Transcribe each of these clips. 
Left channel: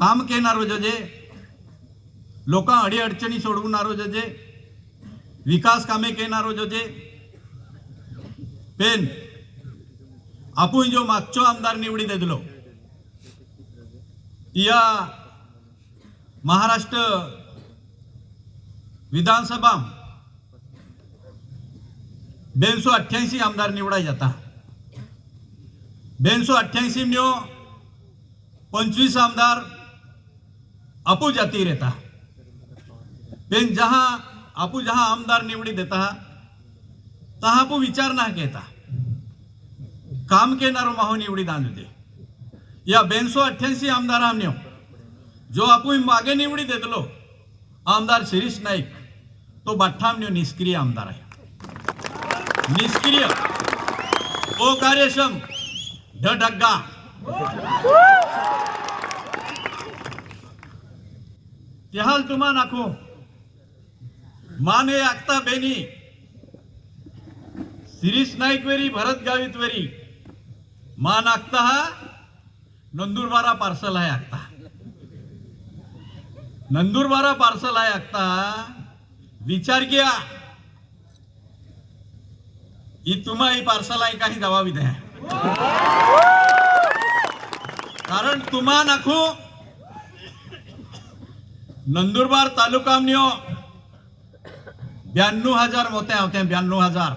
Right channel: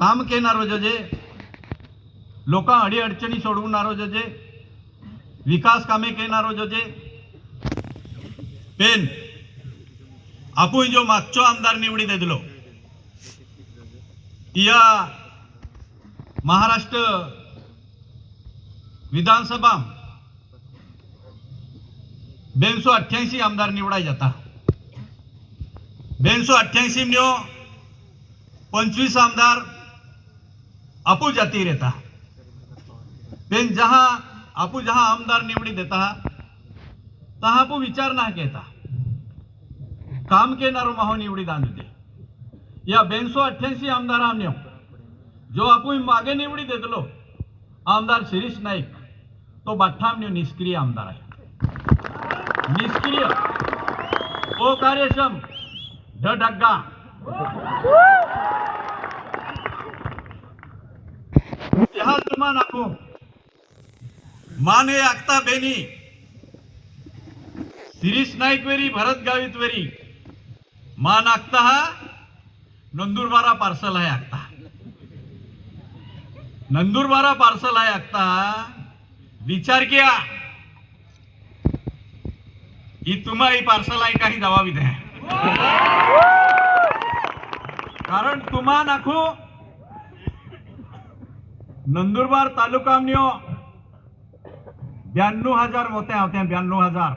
काम केनारो जजे लोकां अडीअडचणी सोडवणारो जजे विकास कामे केनारो जजे पेन. आपण जो मागचो आमदार निवडी देलो या महाराष्ट्र विधानसभा बेनसो अठ्ठ्याऐंशी आमदार निवडाय जाता. बेनसो अठ्ठ्याऐंशी न्यो पंचवीस आमदार जातीर येता बेन जहाँ आपू जहाँ आमदार निवडी देता, तहां आपू विचार ना घेता काम केनारो माहो निवडी दान दे। या बेनसो अठ्ठ्याऐंशी आमदार आमन्यो जो आपूण मागे निवडी देतलो आमदार शिरीष नाईक तो बाठ्ठामन्यो निष्क्रिय आमदार आहे निष्क्रिय। अकार्यक्षम ढ ढग्गा त्याहाल तुम्हा नाखो माने आगता बेनी शिरीष नाईक वेरी भरत गावित वेरी मान आखता हा नंदुरबारा पार्सल आहे आगता नंदुरबारा पार्सल आहे आखता विचार किया ही तुम्हा ही पार्सल आहे काही जवाबी द्या कारण तुम्हा नाखू नंदुरबार तालुकामन्यो ब्याण्णव हज़ार मोते होते ब्याण्णव हज़ार।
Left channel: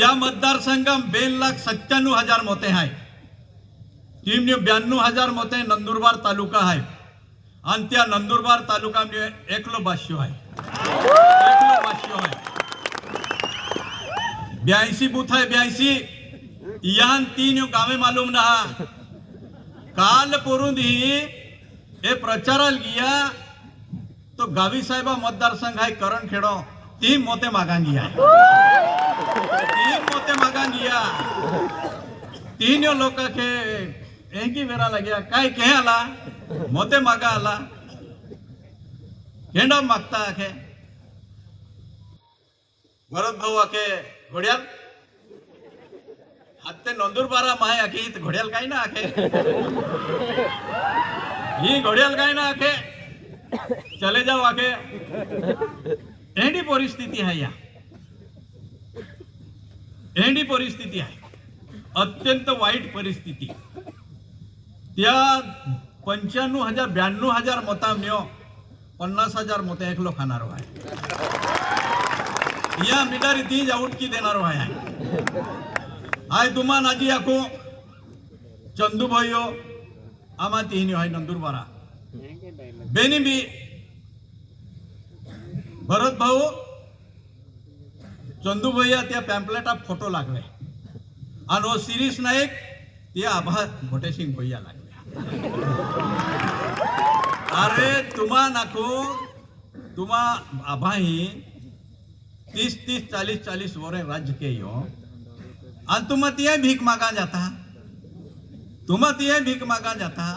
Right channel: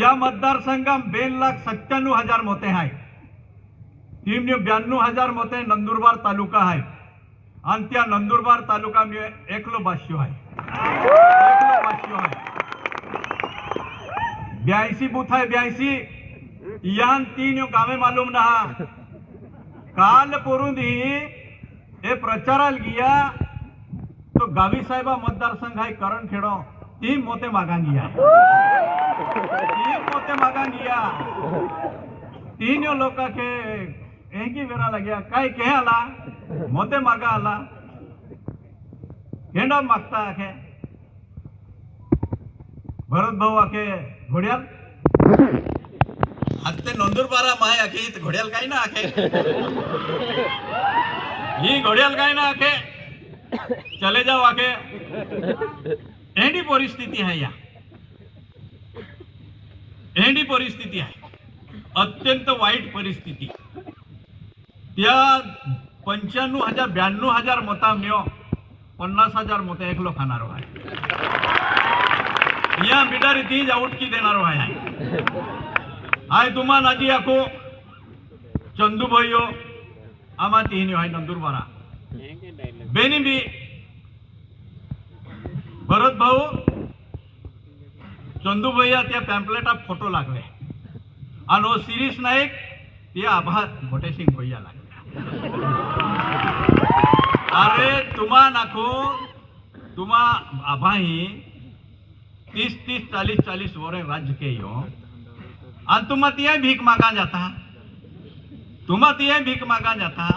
या मतदारसंघात बेन लाख सत्त्याण्णव हज़ार मोते आहे टीमने ब्याण्णव हज़ार मोते नंदुरबार तालुका आहे आणि त्या नंदुरबार तालुकामध्ये एकलो भाष्य आहे एकलो भाष्य आहे ब्याऐंशी बूथ आहे ब्याऐंशी यान तीन गावे मालूम ना। काल पोरून ही हे प्रचाराला गिया तो गावी साहेबा मतदारसंघ आहे, करण खेडो तीन मोते मागान गिया. तीन मोते मागान गिया. तीन लोक के एक ही वेरा लग्या, काय के आला? मोते मागा आला. हेंडा मागता आखे. भरत भाऊ आखे, घोड्याल? ते नंदुरबारा माय आखे. घोड्याल काही ना आखे? ही घोड्याल काय ना आखे? चले जाओ आखे. एंडी परिस्थिती आहे या. एंडी परिस्थिती आहे. अत्यंत वाईट परिस्थिती. त्या पंच्याण्णव हजार ब्याण्णव हजार मता मिळो हो. पन्नास हजार मत एकलो खाणारो आहे या मिटारी तीज आउटकी देणारो आहे. आय तुम्हा नाजी आखो। चंदू भाईयो आमा तिहिनी आहे नंदुरबारा बेनी बी, भरत भाऊ, चंदू भैया त्या पॅम्पलेटात फ़ोटो लागले। आणि हो शिरीष नाईक ते आभा भोटे सिंग भैया लागले। अरे तुम्हा नाखो, तुम्हा आभाही तीस तीस चालीस आणि तुम्हा तिया भीक मागा जाता तुम्हा तिया भीक मागा जाता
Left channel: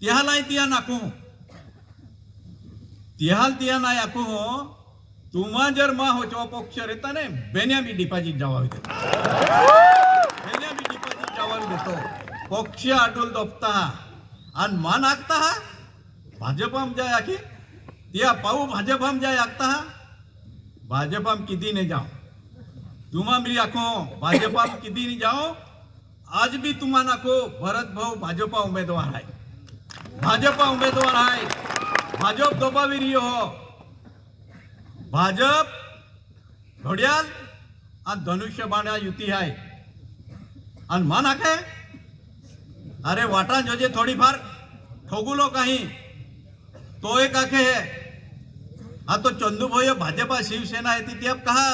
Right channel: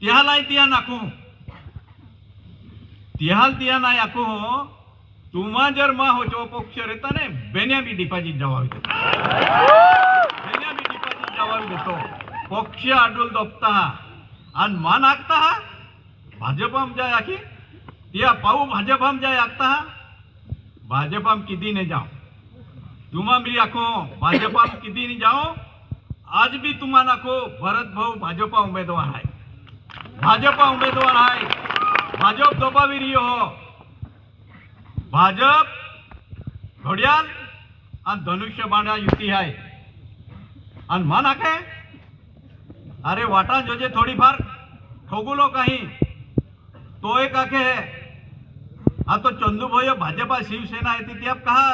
तिहाला तिया नाखू तिहाल तिया ना याकू तुम्हा जर मा होचो पक्ष रेता ने बेन्या बी डिपॉझिट जवाबी देतो। बेन्या बी डिपॉझिट जवाबी देतो। पक्ष आडोल दोपता आणि मान आखता हा। भाजपाम जाय आखी तिया पाहू भाजपाम जाय आखता हा। भाजपाम किती ने जाओ। तुम्हा मी आखो भाजपा किती नी जाओ आज भी तुम्हा नाखो भरत भाऊ भाजपा उमेदवार आहे भाजपा उमेदवार आहे भाजप दोबाविरी हो भाजप घोड्याल आणि धनुष्य बाणा युती आहे आणि मान आखे अरे वाटा जोजे थोडीफार ठोगुलो काही तो एक आखे है हा तो चंदू भोय भाजपा शिवसेना आहे ती अब कहा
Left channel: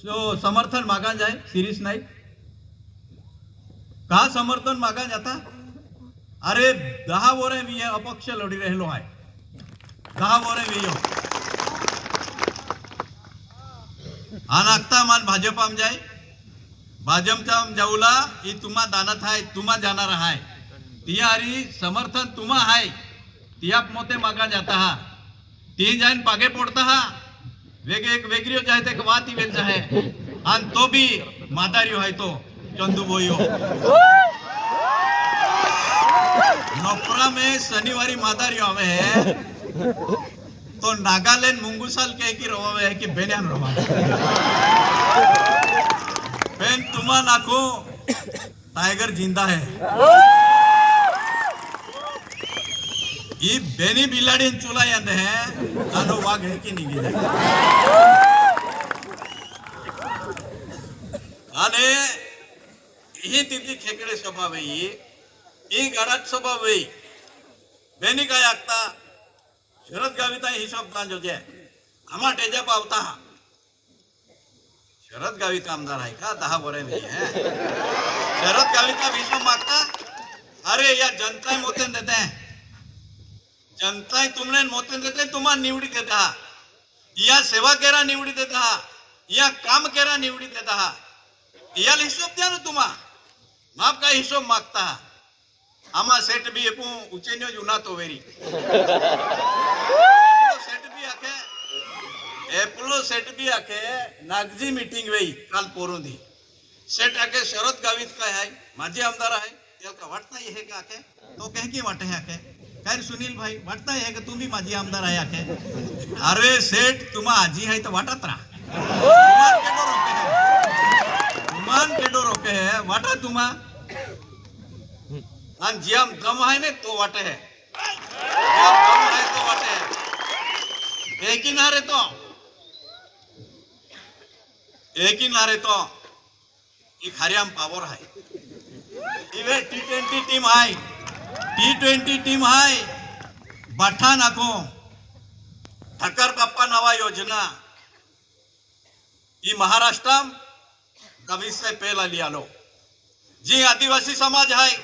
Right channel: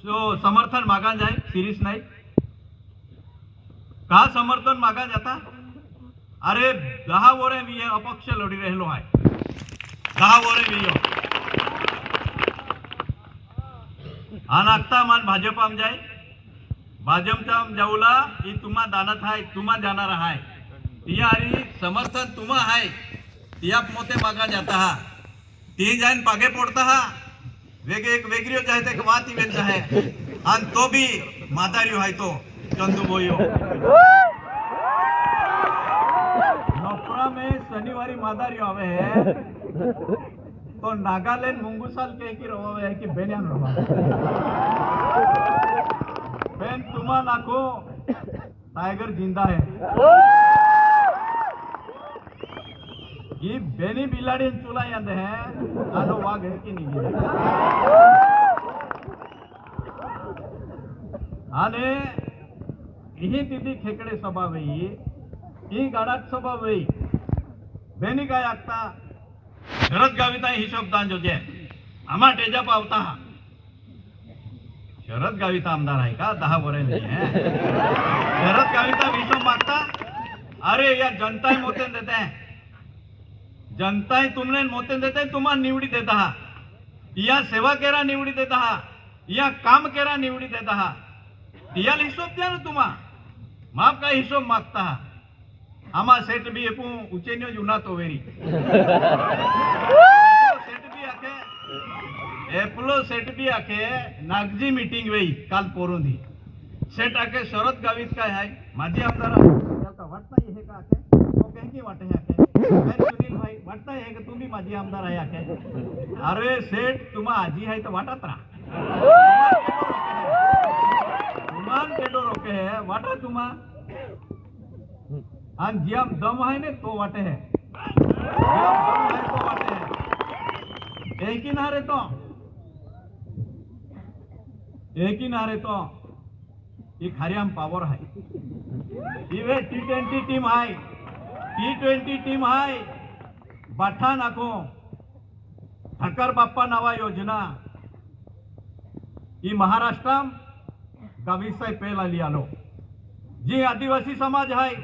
सो समर्थन मागा जाए शिरीष नाईक का समर्थन मागा जाता? अरे दहा वर मी अपक्ष लढी राहिलो आहे. दहा वर मी यो. आणि आत्ता मान भाजपाम जाय. भाजपच्या जाऊला ही तुम्हा दानत आहे तुम्हा जाणार आहे तिया अरे समर्थन तुम्हा आहे तिया मोते मागा जाता हा. ती जाईन पागे पोडता हा. वेग वेग वेगळी ते वाती वेग आहे आणि तो बी मादारी आहे तो चंदू बोयो नोपरा में शनिवारी मादारी आवे है। तो नागालैंड मुंगूसाल कह की रवावे है कि बेनियान रवा पेन तुमा नाको टाइगर ज़िंदा है। ಈ ಬೆನಿ ಬಿಲ್ಲಾಡಿ ಚೂಲ ಅಂದ್ರೆ ನಾನು ವಾಗ ಹೇಕಿ ನಿಂಗಿದೆ અને એ દીદી ખેકડે સ્વભાવ એ એ ગાડાત સ્વભાવ એ બેની કાય આગતા શરદ ગાવિતા હિસાબ તાન જોજે આમાં ટેજા પાવતા શરદ ગાવિતા આમદાર હાય કા દહા વરેલી હે શરદ ગાવિતા વિશ્વ માગતા અરે યા જનતા મોતે દેતે હે जनता तुमने मोतेन देते तुम्हाला निवडी देत आहात या सेवा केरा निवडी देत आहात या काम केरा निवडी देत आहात याला हिशोब द्या ना तुम्हा। माप काय हिशोब मागता आम्हा सेट बी एकू उचेन्यो जुना तो वेरी सेट बी आखे एपलो सेट बी आखे, नागजी मीटिंग वेई काल पोरून दी। सेट आखे, शरद गावीत काय आहे माझे आमदार आहे, त्याला का वाटत नाही हे का आखे? तो कह की वाटे है भाई वाटत नाही का तुम्ही माझी आमदार आहे आखे अरे सेठ तुम्हा आजी आहे तर वाटत राहा केडो रोके है वाटा तुम्हा आणि जियाम दम आहे ने तो वाटे है जियाम दम आहे तो वाटे है एक ही ना तो एक ही ना रे तो ही खाऱ्याम पावर आहे इवे टी ट्वेंटी टीम आहे टी ट्वेंटी टीम आहे बाठा नाको. ठक्कर बाप्पा नावा योजना. ही महाराष्ट्र का विषय पेला लियालो जी आदिवासी समाज आहे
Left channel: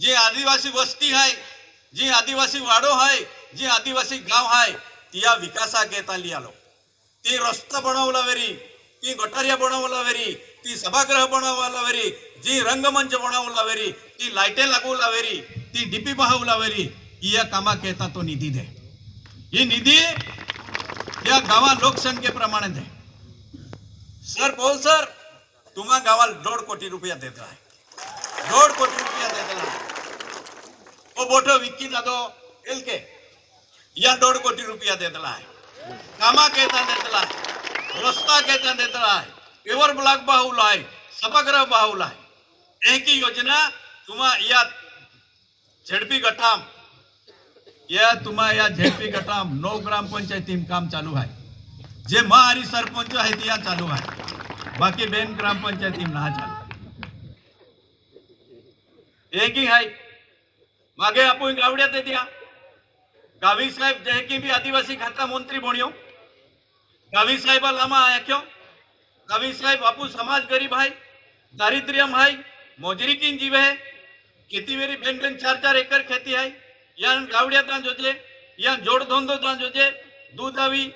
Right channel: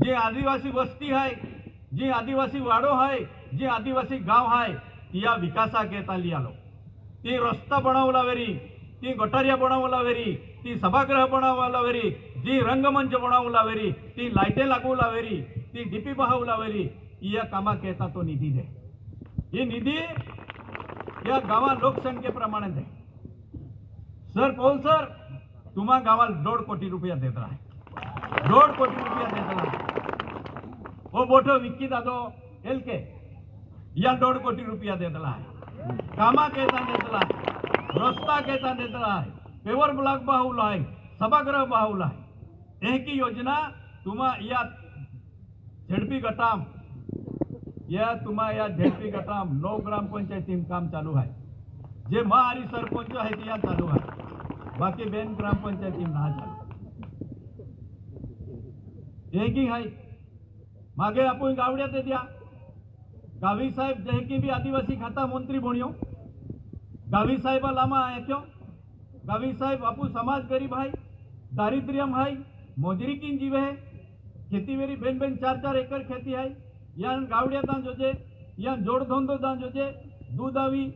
जी आदिवासी वस्ती आहे जी आदिवासी वाडो आहे जी आदिवासी गाव आहे ती या विकासा घेता आलो ती रस्ता बनवला वेरी ती गटारिया बनवला वेरी ती सभागृह बनवला वेरी जी रंगमंच बनवला वेरी ती लाईटे लागवला वेरी ती डीपी बहावला वेरी या कामा घेता तो निधी दे। ही निधी या गावा लोकसंख्येप्रमाणे दे। सर पौल सर, तुम्हा गावाला दोड कोटी रुपया देत आहे दोड कोटी रुपया देत आहे ओ बोठो विक्की दादो, एल के, या दोड कोटी रुपया देतला आहे कामा केता देतला आहे रस्ता केता देतला आहे पेवर ब्लॉक बाहुला आहे सभागृह बाहुला आहे एक ही योजना, तुम्हा या झेडपी गटाम या तुम्हा या झेडपी गटाम, नऊ ग्रामपंचायतीम काम चालू आहे. जे मा आणि सरपंच आहेत, या चालू आहे. बाकी बेन ग्रामपंचायती ना चालू. एकही आहे मागे आपण गावड्यात द्या गावी साहेब जे की बी आदिवासी खाता मंत्री बण्यो गावी साहेबा लामा आख्यो गावी साहेब बापू समाज गरीब आहे दारिद्र्यम आहे मोजरी किन जीव है खेती वेरी बेन बेन चार चार एकर खेती है યાન કાવડિયા ત્યાં જોજે યાન જોડ ધંધો ત્યાં જોજે દૂધ આવી